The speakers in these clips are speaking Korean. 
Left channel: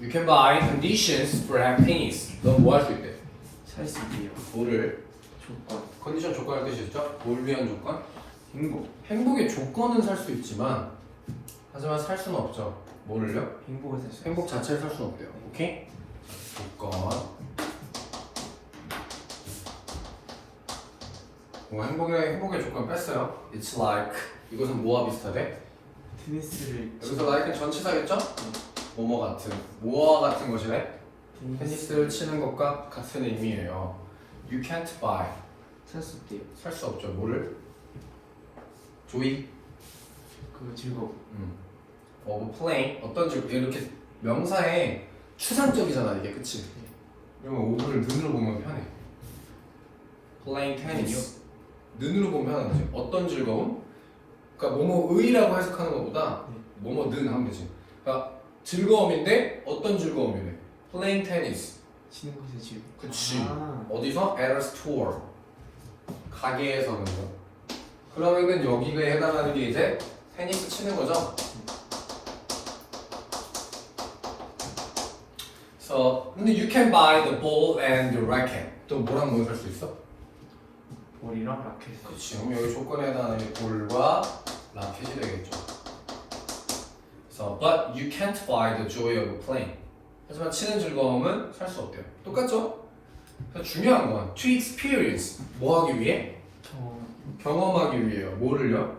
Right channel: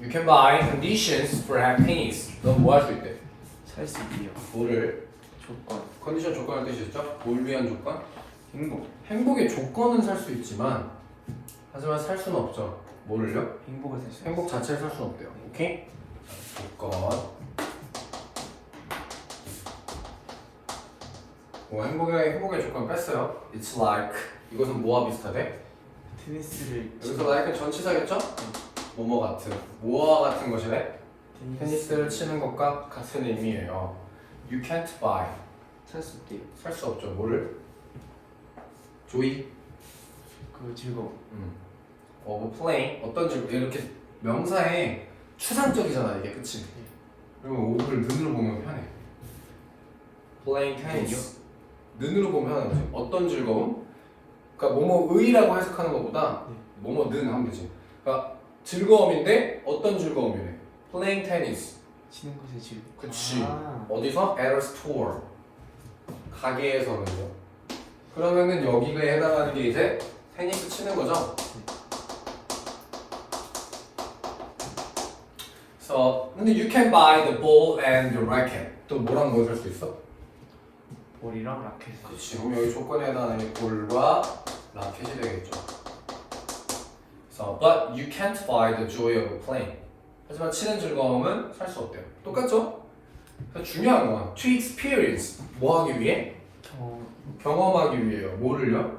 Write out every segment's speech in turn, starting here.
You can buy conditions for happiness. 넌 뭐 할 수 있대? 살수 있게요. 뭐를? 조건. 컨디션 조건을 뜻이죠? 뭘 위한 조건? 행복. 행복의 조건은 살 수 있지만 하지만 살 수는 없죠. 뭐를요? 행복을 살수 행복 자체를 살 수는 없대요. 오케이? 조건. 뭐 행복의 행복의 조건 뺐어요. It's like 이것은 뭐와 비슷하대? 테니스를 여기서 like은 전치사겠죠? 뭐뭐 같은 뭐와 같은 것이래? 테니스를 치는 것과 같은 의미예요. You can't buy 살수 있게요. 살 수 없죠. 뭐를? 조이 그 즐거움. 음. 어, 뭐 playing 어떤 질 이렇게 명사에 추상적이잖아 이게 그치? 그리고 오브를 눈으로 보면 편해. playing tennis 눈으로 보면 편한 거지. 어떤 즐거움? 그러니까 뭐뭐의라고 해석하는 것보다 네. 뭐뭐는 하면 되지. 그러니까 즐거움인데 어떤 즐거움이래? playing tennis. 치는 곳에서 즐거움. 그치. 아. 어디서? at a store. 가게에서는요. 그러면은 여기에 해당하는 게 이제 테니스 치는 거죠. So, 근데 you can buy the ball and the racket. 또 뭐랑 뭐 살 수 있어? 볼이랑 라켓. 그렇지. 그럼 여기 조건에 해당하는 이 볼과 라켓이 되겠죠. But you can't buy the joy of playing. 하지만 치는 즐거움은 살 수 없대요. 똑같죠? 그래서 중요한 건 to experience. 뭐 하기 위해? 더 경험하기 위해요. 뭐를요?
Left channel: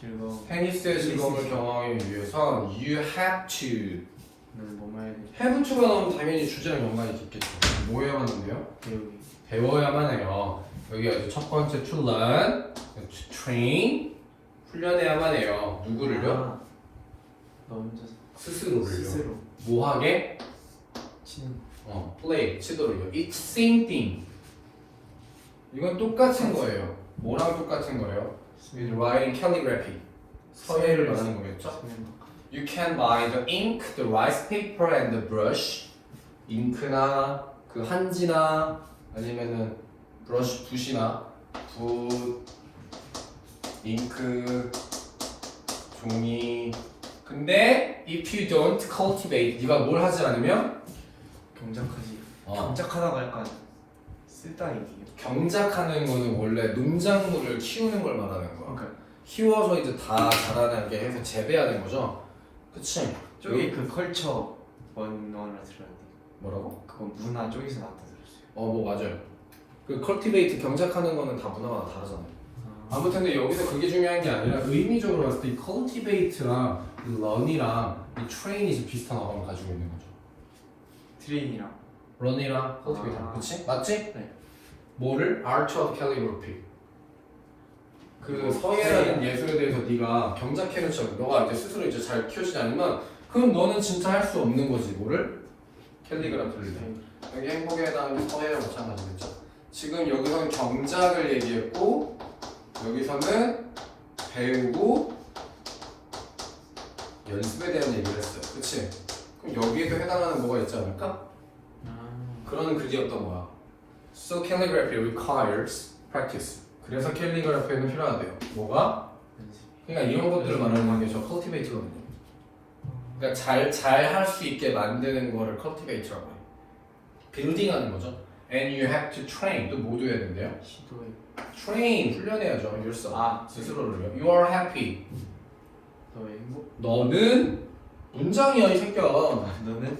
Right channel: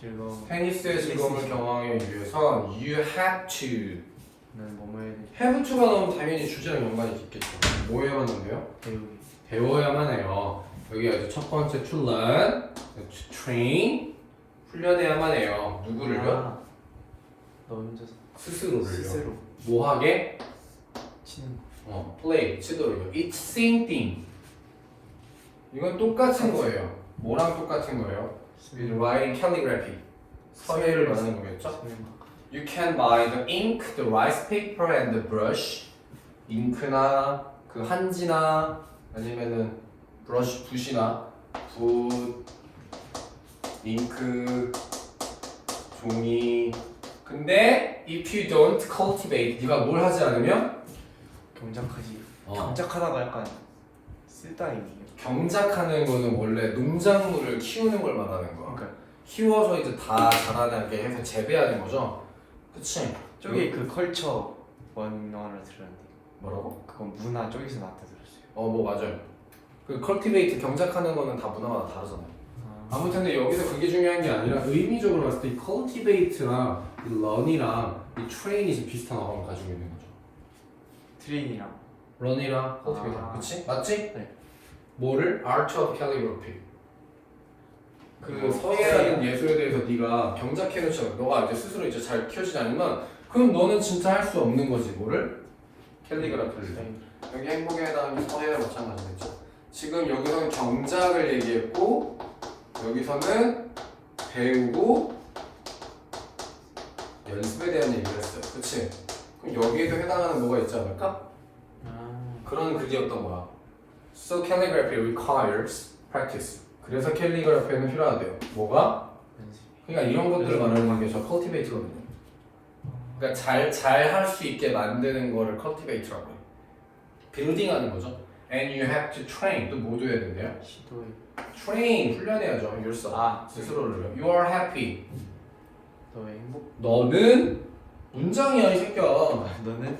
즐거움. 테니스의 즐거움을 경험하기 위해서 you have to. 뭐만 have to가 나오면 당연히 주제랑 연관이 깊겠죠. 뭐 해야만? 배우기. 배워야만 해요. 여기 아주 첫 번째 to learn, to train, 훈련해야만 해요. 누구를요? 아, 너 혼자서 스스로를요. 스스로 뭐 하게? 치는. 어, play, 치도록요. It's same thing. 이건 똑같은 거예요. 뭐랑 똑같은 거예요? With writing calligraphy. 서예를 말하는 거겠죠? You can buy the ink, the rice paper, and the brush. 잉크나 그 한지나 아니면은 브러쉬 붓이나 붓, 잉크, 종이. 근데 if you don't cultivate, 네가 뭘 하지 않으면 경작하지. 어, 경작하다가 약간 쓸데가 있네요. 경작하는 거는 원래 농작물을 키우는 걸 말하는 거야. 그러니까 키워서 이제 다 자라나게 해서 재배하는 거죠. 그치? 저기 그 컬처 원어를 들었는데 뭐라고? 그건 문화 쪽에서 나왔다 들었어요. 어, 뭐 맞아요. 그 컬티베이트 경작하는 거는 다 문화마다 다르잖아. 아무튼 근데 여기서 그게 중요한 게 아니라 의미적으로 봤을 때이 컬티베이트랑 이 런이랑 이 트레인이 좀 비슷한 어감을 가지고 있는 거죠. 트레인이랑 런이랑 컬티베이트, 아. 그치? 맞지? 네. 뭐를? Art of Calligraphy. 그 어, 서예라는 예술에 대해서 네가 경작해놓지 너가 이제 스스로 이제 잘 키워지지 않으면 그럼 너는 진짜 할 수 없는 거지 뭐를? 캘리그라피를 해. 여기 행복에 해당하는 서예랑 마찬가지겠죠. 지금 여기서는 경작을 얘기했고 여기서는 배우고 연습에 대한 얘기를 했어요. 그치? 그럼 여기에도 해당하는 뭐가 있지 않을까? 아, 그런 글이었던 거야. So calligraphy requires practice. 그래서 캘리그래피는 필요하대요. 뭐가? 그러니까 이런 것들을 말하는 게저 cultivate거든요. 그러니까 잘 잘 할 수 있게 만드는 거를 cultivate라고 해요. 빌딩하는 거죠. And you have to train. 또 뭐도 해야 된대요? 시도해. train 훈련해야죠. yourself. 아. 스스로를요. You are happy. 너의 행복. 너는 문장이야 이 새끼야. 너는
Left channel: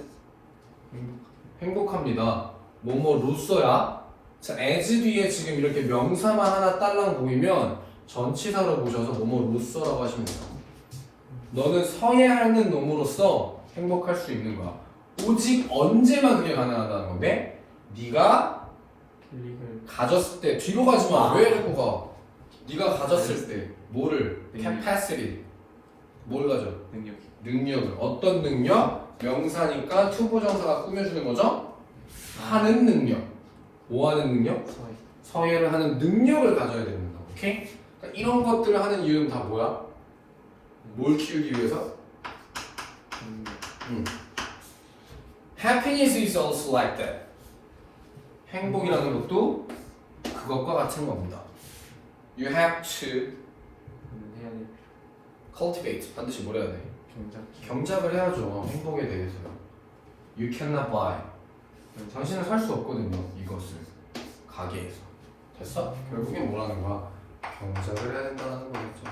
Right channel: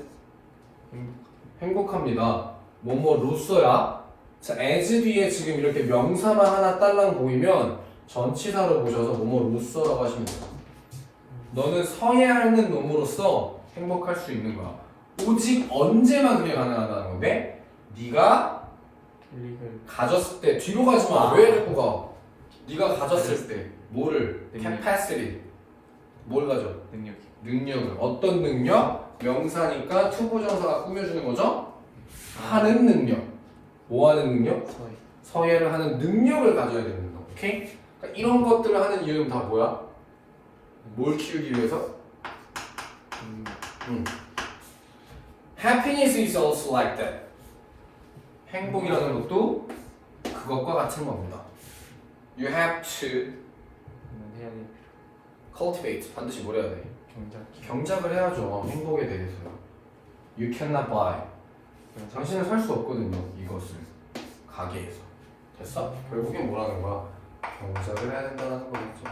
행복합니다. 뭐뭐로써야. 자, as 뒤에 지금 이렇게 명사만 하나 딸랑 보이면 전치사로 보셔서 뭐뭐로써라고 하시면 돼요. 너는 서예하는 놈으로써 행복할 수 있는 거야. 오직 언제만 그게 가능하다는 건데 네가 가졌을 때 뒤로 가지 마. 왜 자꾸 가? 네가 가졌을 때 뭐를? 능력. capacity. 뭘 가져? 능력이. 능력을 어떤 능력? 명사니까 투부정사가 꾸며주는 거죠? 하는 능력 뭐 하는 능력? 서예를 하는 능력을 가져야 됩니다 오케이? 그러니까 이런 것들을 하는 이유는 다 뭐야? 뭘 키우기 위해서? 능력. 음. Happiness is also like that 행복이라는 것도 그것과 같은 겁니다 You have to cultivate 반드시 뭘 해야 돼? 경작. 경작을 해야죠 행복에 대해서요 You cannot buy. 당신은 살 수 없거든요. 이것을 가게에서. 됐어? 결국엔 뭐라는 거야? 경작을 해야 된다는 거겠죠.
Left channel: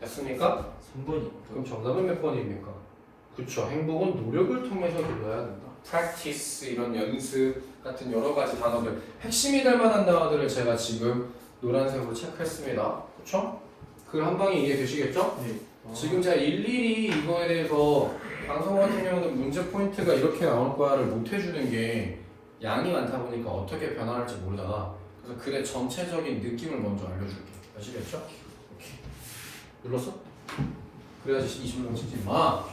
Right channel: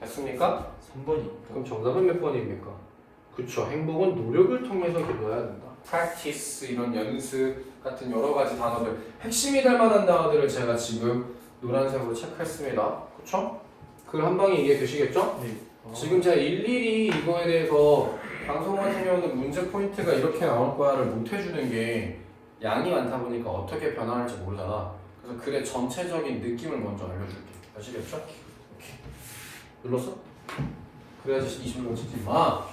됐습니까? 3번이 그럼 정답은 몇 번입니까? 그쵸. 행복은 노력을 통해서 이뤄야 된다. Practice 이런 연습 같은 여러 가지 단어들 핵심이 될 만한 단어들을 제가 지금 노란색으로 체크했습니다. 그쵸? 그한 방에 이해 되시겠죠? 네. 지금 제가 일일이 이거에 대해서 방송 같은 경우는 문제 포인트가 이렇게 나올 거야를 못 해주는 게 양이 많다 보니까 어떻게 변화할지 모르잖아. 그래서 글의 전체적인 느낌을 먼저 알려줄게. 아시겠죠? 오케이. 눌렀어? 그래야지 20분 찍지 마.